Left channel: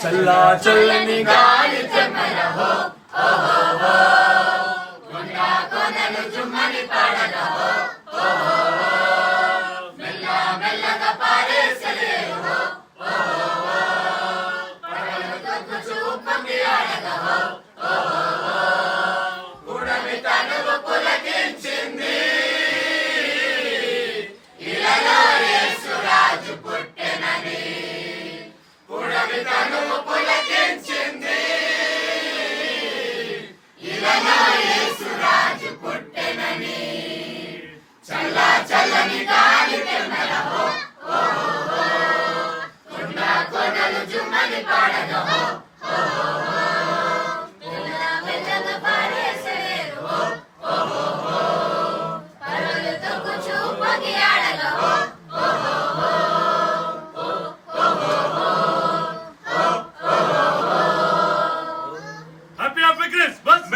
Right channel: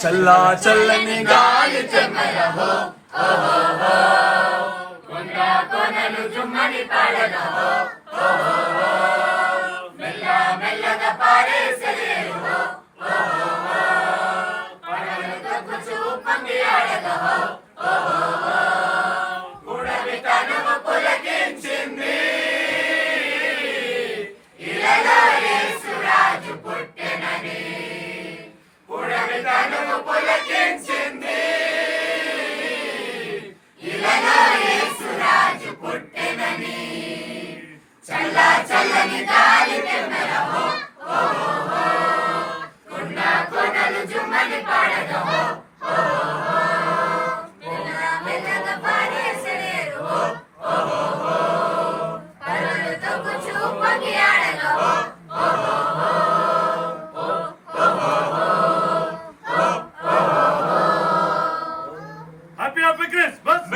చల్లా చల్లని గాలి చెమ్మలహో ఓహో కొండ కొనలు జుమ్మని పాడనహో ఓహో మెల్ల మెల్లగా పారేసలేరుహో ఓహో పడలు తగ్గు చూపంగి ఆడగహో ఓహో ఉడమి తనువు పులకించింది ఇలలో యేసురాజు పుట్టెనని ఉడమి తనువు పులకించింది ఇలలో యేసురాజు పుట్టెనని చల్లా చల్లని గాలి తెమ్మలహో ఓహో కొండ కొనలు జుమ్మని పాడగహో ఓహో మెల్ల మెల్లగా పారేసలేరుహో ఓహో పరలు తొక్కు చూపగి ఆడగహో ఓహో హ్యాపీ హ్యాపీ క్రిస్మస్.